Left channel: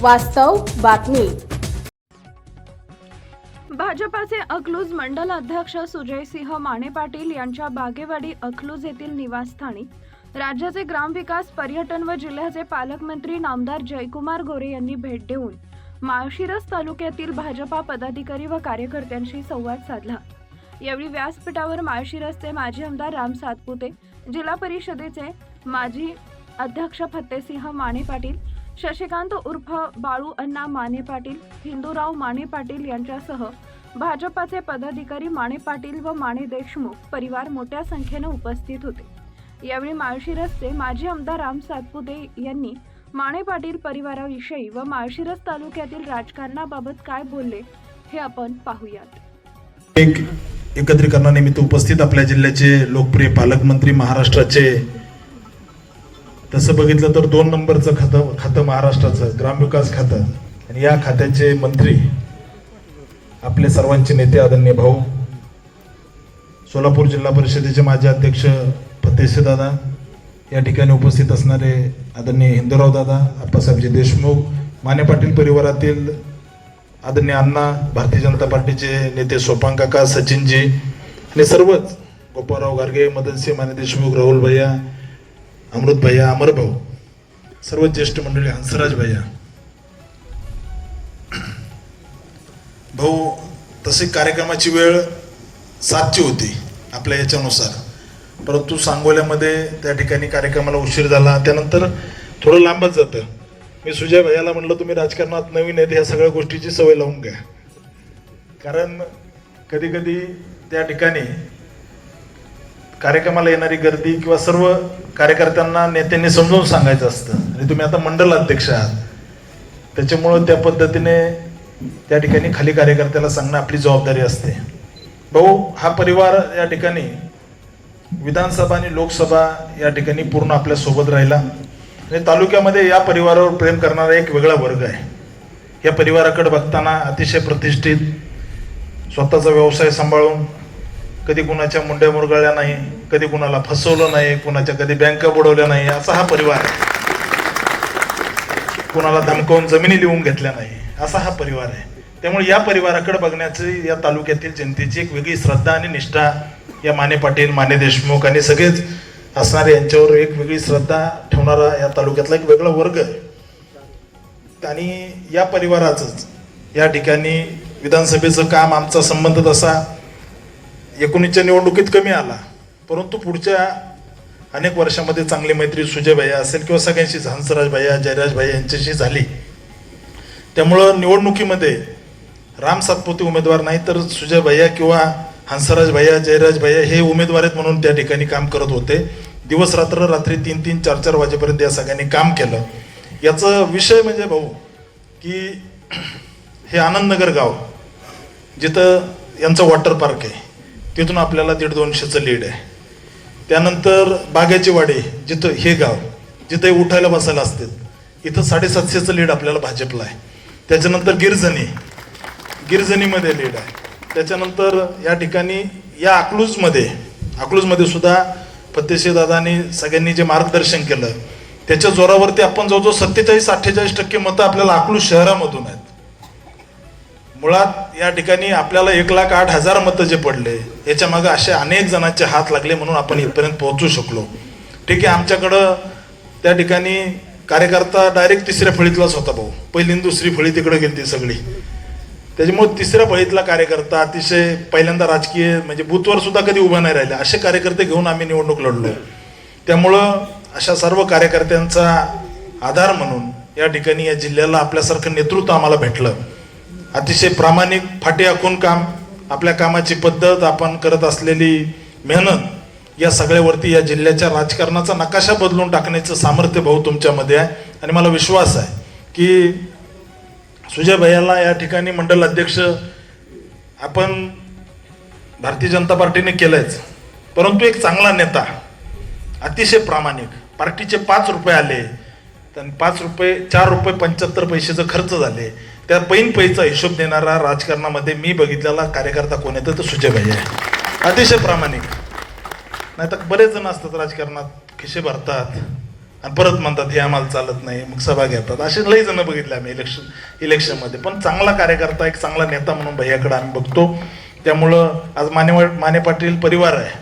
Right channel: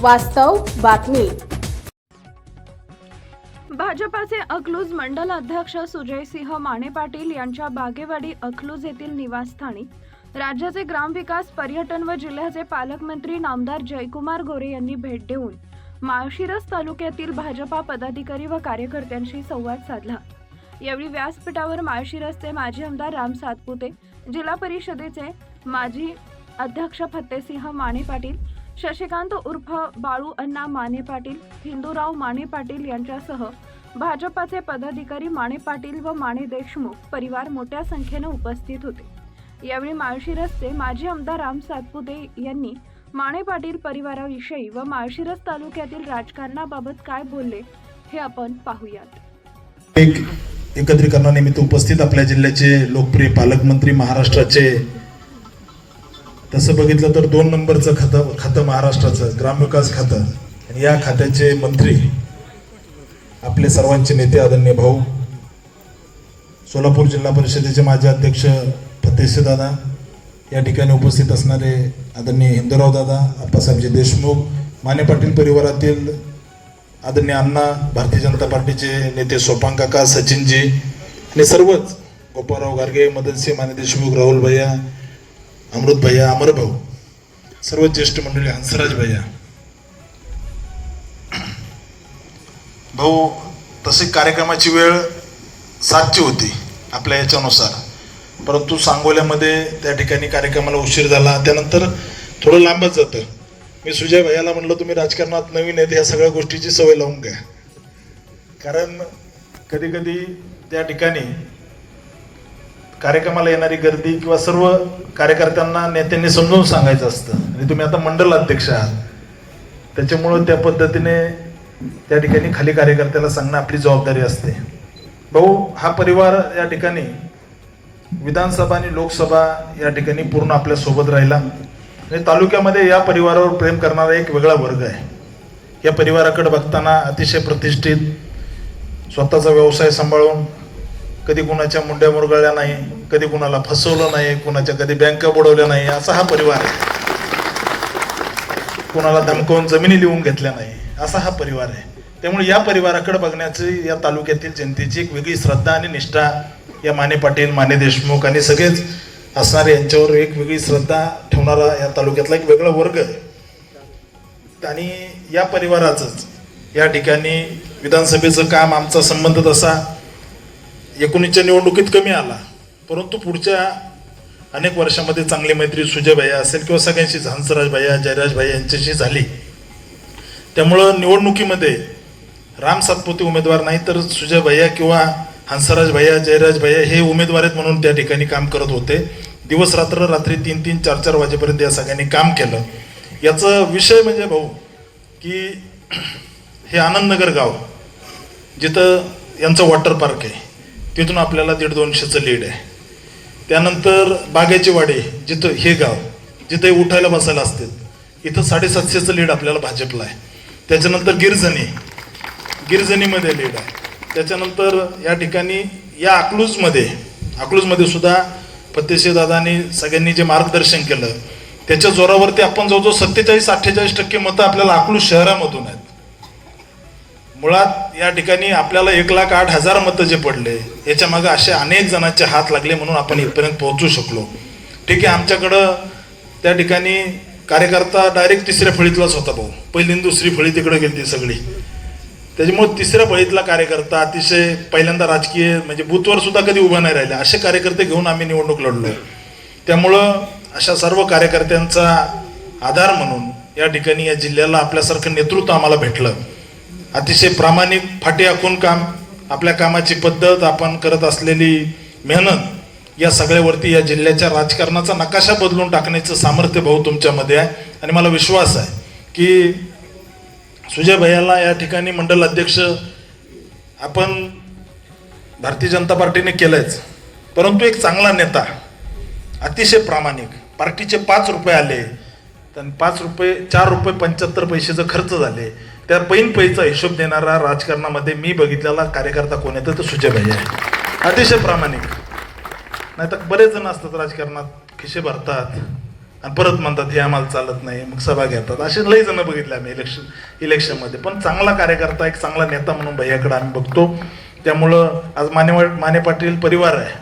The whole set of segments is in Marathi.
वास्तव बातमी. भाजपाचे अकलूज मंडल अध्यक्ष सुजयसिंह माने पाटील यांच्या बागेवाडी अकलूज येथील निवासस्थानी राज्याचे ग्रामविकास पर्यटन व जिल्ह्याचे पालकमंत्री नामदार जयकुमार गोरे यांनी भेट देऊन माळशिरस तालुक्यातील भाजपा पदाधिकारी व कार्यकर्त्यांशी संवाद साधला. यावेळी व्यासपीठावर माळशिरसचे माजी आमदार राम सातपुते जिल्हा परिषदेचे माजी अध्यक्ष फत्तेसिंह माने पाटील शशिकांत उर्फ बाळू अण्णा माने पाटील हिंदूराव माने पाटील यांच्यासह भाजपाचे पदाधिकारी माने पाटील व माने देशमुख परिवार मोठ्या संख्येनं उपस्थित होते. यावेळी माळशिरसचे माजी आमदार राम सातपुते यांनी माने पाटील परिवाराविषयी व माळशिरस तालुक्यातील राजकारणाबाबत काय बोलले हे आपण पाहूयात. एक एकत्रीकरणानिमित्त उपस्थित आपल्या जिल्ह्याचे लोकप्रिय पालकमंत्री महाराष्ट्राचे तसं बघितलं तर दोन नंबरचं खातं खातं महाराष्ट्राचं ग्रामविकास खातं. आणि या खात्याचे मंत्री आपले सर्वांचे नेते आदरणीय भाऊ सोलापूर जिल्हा परिषदेचे माजी अध्यक्ष फतेशे दादा या ठिकाणी उपस्थित असणारे आदरणीय हिंदूराव दादा आप्पासाहेबजी देशमुख माने पाटील परिवारातील आदरणीय अण्णा भारतीय जनता पार्टीचे नेते सोपांग काका सचिनजी आणि सर्वच गोपाळराव गारगे मदनसिंह माने देशमुख राहुल भैया अमृत भैया अमर भाऊ सर्व ज्येष्ठ मंडळी हंसराज भैया. भाऊ तसे कार्यक्रमाची वेळ सातची होती आपल्या याच्यानुसार. परंतु सांगोल्यामध्ये त्या ठिकाणी कार्यक्रमाला उशीर झाला. त्यानंतर थोडं लांबच जातं. मी सुजय भैयाला म्हणलं तुम्ही राजकारणात नवीन आहेत ह्या सगळ्या गोष्टीची सवय लावून घ्या. कारण कधी कधी त्या ठिकाणी कार्यक्रमाला येणारी गर्दी किंवा सर्व कार्यकर्त्यांना नेत्यांनी समजावून सांगायचं असतं. आणि तुम्ही आता मंडल अध्यक्ष आहात. त्याच्यामुळं त्या पद्धतीने त्या ठिकाणी खाली कार्यकर्त्याला सांगणं आपली जबाबदारी असते. भाऊ हा परिवार या ठिकाणी विधानसभा आणि लोकसभा या ठिकाणी पूर्ण आपल्यासोबत राहिला. आणि तालुक्यामध्ये या परिवारावर प्रेम करणारा एक वेगळा वर्ग आहे. या परिवाराकडे बघताना अतिशय प्रतिष्ठित स्वतःचा व्यवसाय सांभाळून कधी कुणाच्या मुंड्या मुरगळल्या नाही कधी कुणाला फसवलं नाही कुणाच्या कधी बँका बुडवल्या नाही असा हा परिवार आहे. कुणाला धमकावून जमिनी लिहून घेतल्या नाही असा हा परिवार आहे. त्यामुळे या परिवाराकडे बघण्याची या तालुक्यातील जनतेची एक वेगळी श्रद्धा आणि निष्ठा या माने पाटील माने देशमुख आणि सगळेच असणारे यांच्यावर एक वेगळी श्रद्धा ठेवणारा या तालुक्यातला एक वेगळा वर्ग आहे. आणि या परिवाराचंच या ठिकाणी विधानसभेचं काम आमचा संबंध तसा एकोणीसच्या निवडणुकीत कमी आला. परंतु पुढच्या अनेक वर्षामध्ये चांगली मैत्री सुजय भैया असेल किंवा सगळ्यांशी हंसराज भैया जयराज भैया यांच्याशी झाली. त्यामुळं निवडणुकीमध्ये राम सातपुते उमेदवार नाही तर सुजय भैया किंवा हंसराज भैया जयराज भैया हे उमेदवार आहेत म्हणून त्या ठिकाणी काम करत होते. दिवस रात्र रात्री तीन तीन चार चार वाजेपर्यंत या सगळ्यांनी काम केलं. याचं विषय म्हणजे भाऊ की हे आनंदनगर गाव जिथं यांचं वॉटर पार्क आहे. तिथून आपल्याला दीड दोनशेचं लीड आहे. त्यानंतर बागाची वाडी जिथं हे गाव जिथे उठायला बसायला असतात इथं साडेसातशेचं लीड आपल्याला भाजपला आहे. त्याच्यानंतर गिरजणी गिरजणीमध्ये लीड आहे. त्याच्यानंतर या ठिकाणी या अकलूजमध्ये अकलूजमध्ये सुद्धा पत्तेशी दादानी सगळ्यांनी जे मार्गदर्शन केलं त्याच्या जोरावरती आपण जवळजवळ सत्तेचाळीस अठ्ठेचाळीस टक्के मतं आपल्याला अकलूज शहरामधून आहेत. मुळात या ठिकाणी आपल्याला एक लाख आठ हजार मतं जे पडले याच्या मागे असे अनेक जणांचे हात लागले म्हणून आपण इथपर्यंत पोहोचू शकलो. ठीक आहे आमच्याकडं त्या ठिकाणी कार्यकर्ता डायरेक्ट तिसऱ्या फळीतलाच होता भाऊ. पहिली दुसरी फळी तिकडे गेली सगळी. त्याच्यामुळे तिसऱ्या फळीतला कार्यकर्ता अतिशय पहिल्यांदा राजकीय म्हणजे बूथवर सुद्धा कधी उभा नाही राहिले. असे कार्यकर्ते घेऊन आम्ही निवडणूक लढलो. त्यामुळं अशा सर्व कार्यकर्त्यांचा आधार म्हणून या ठिकाणी या जिल्ह्याला आपल्यासारखं नेतृत्व आम्हाला भेटलं. अतिशय प्रामाणिक फाटे आखून काम आपल्या कामाची पद्धत आपण करत असलेली मेहनत या सगळ्यावरती या जिल्ह्याच्या राजकारणाचा नकाशा बदलून टाकण्याचं सामर्थ्य भाऊ तुमच्यामध्ये आहे. आणि मला विश्वास आहे की सुजय भैयाला या ठिकाणी मंडल अध्यक्ष आपण भारतीय जनता पार्टीने केलंच परंतु एक चांगला नेता अतिशय प्रामाणिक पार्टीचे पाच रुपये आले तर पाच रुपये चार रुपये पंच्याहत्तर पैशाचे खर्च झाले. त्या पैन पैचा हिशोब देणारा राजकारणामध्ये मी बघितलेला कार्यकर्ता कोण येतो तो सुजय आहे. अतिशय प्रामाणिक. नाही तर बरेच जण असतात राजकारणात खिशे भरतात आणि परत म्हणतात हे आम्हाला चालत नाही मग सभा घेतात. असे लई जण बघितले आम्ही इलेक्शन इलेक्शनमध्ये पण चांगला कार्यकर्ता एक चांगला नेता म्हणून भैयाकडे आम्ही बघतो. त्यामुळं आज माने माने पाटील परिवार आहे.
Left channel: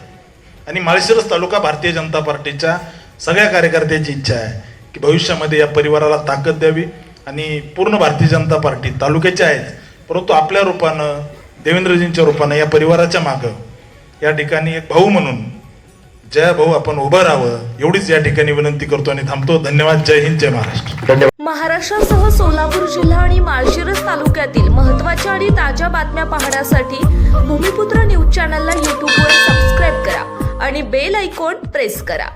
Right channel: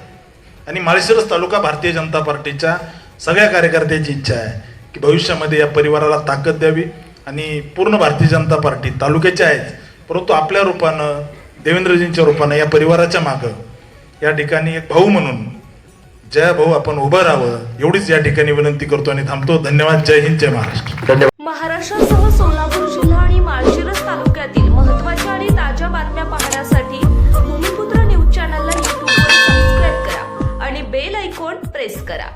आणि माळशिरस तालुका भारतीय जनता पार्टीच्या सगळ्या कार्यकर्त्याची इच्छा आहे. की भविष्यामध्ये या परिवाराला ताकद द्यावी आणि पूर्ण भारतीय जनता पार्टी तालुक्याच्या आहेत परंतु आपल्या रूपानं देवेंद्रजींच्या रूपानं या परिवाराच्या मागं या ठिकाणी एक भाऊ म्हणून जय भाऊ आपण उभं राहावं एवढीच या ठिकाणी विनंती करतो आणि थांबतो. धन्यवाद. जय हिंद जय महाराष्ट्र. धन्यवाद. महाराष्ट्रासह सोलापूर जिल्हा आणि माळशिरस तालुक्यातील महत्त्वाच्या आणि ताज्या बातम्या पाहण्यासाठी भूमिपुत्र न्यूज चॅनलला यूट्यूबवर सबस्क्राईब करा आणि बेल ऐकॉन प्रेस करा.